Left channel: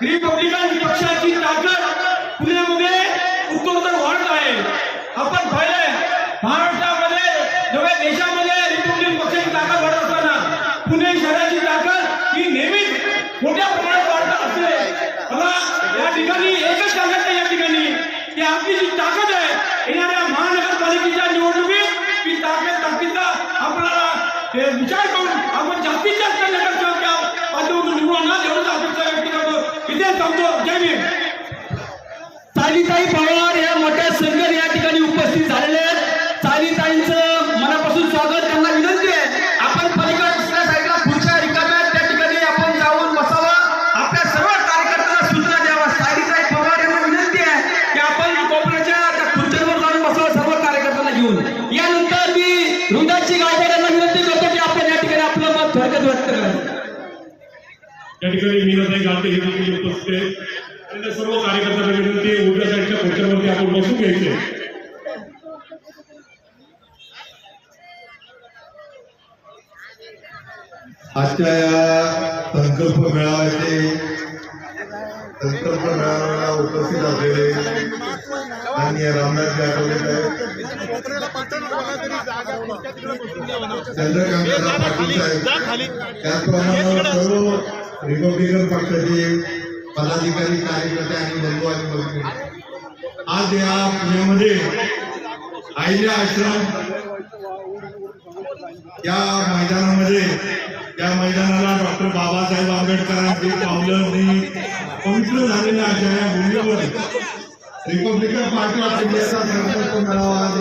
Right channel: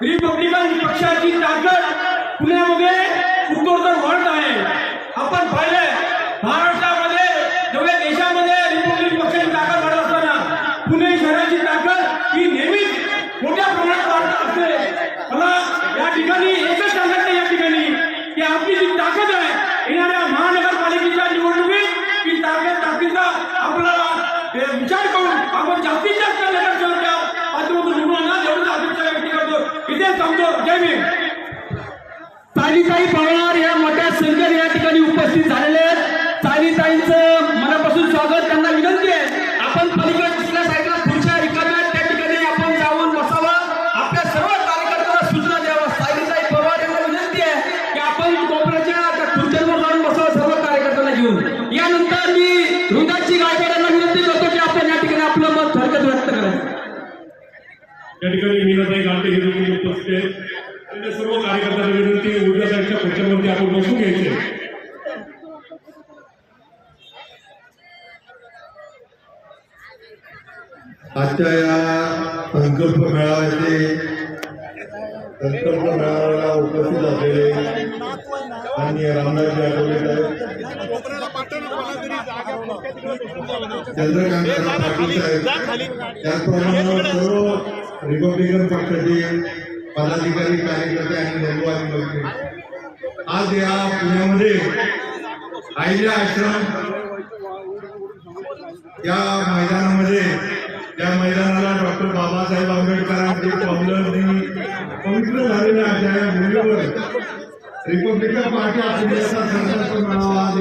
Republican पक्षाची ताकद पुण्यामध्ये उत्तरोत्तर वाढत आहे. आपण पाहिलंय महाराष्ट्रामध्ये नव्या देशामध्ये रिपब्लिकन पक्षाची ताकद वाढत असताना पुणे शहराची ताकद ही नेहमीच मोठ्या प्रमाणात वाढत असते. मला या ठिकाणी एकच सांगायचं या ठिकाणी की आपली जी ताकद आहे येणाऱ्या महानगरपालिकेच्या निवडणुकीत ही ताकद ताकदीचा आपला विचार करून आपण इथे थांबतो जय भीम. ताई पवार या ठिकाणी मीनाताई गावते हे देखील उपस्थित आहेत आणि सर्व कार्यकर्त्यांना विनंती आहे, उजव्या साईडच्या खुर्च्यांवरती आपण बसून घ्यायचे. आजच्या या संकल्प मेळाव्याचे संकल्प मेळाव्याला उपस्थित असलेले माननीय रामदास आठवले साहेब चंद्रकांत त्याचप्रमाणे सर्व रिपब्लिकन पक्षाचे पदाधिकारी कार्यकर्ते आणि बंधू आणि मैत्रिणी. आज या पुण्यामध्ये आईल्या आश्रम या मैदानामध्ये त्या मैदानाला डॉक्टर बाबासाहेब आंबेडकरांचे पावलांनी पवित्र झालेल्या अशा या भूमीवर रिपब्लिकन पार्टी ऑफ इंडियाचा संकल्प मेळावा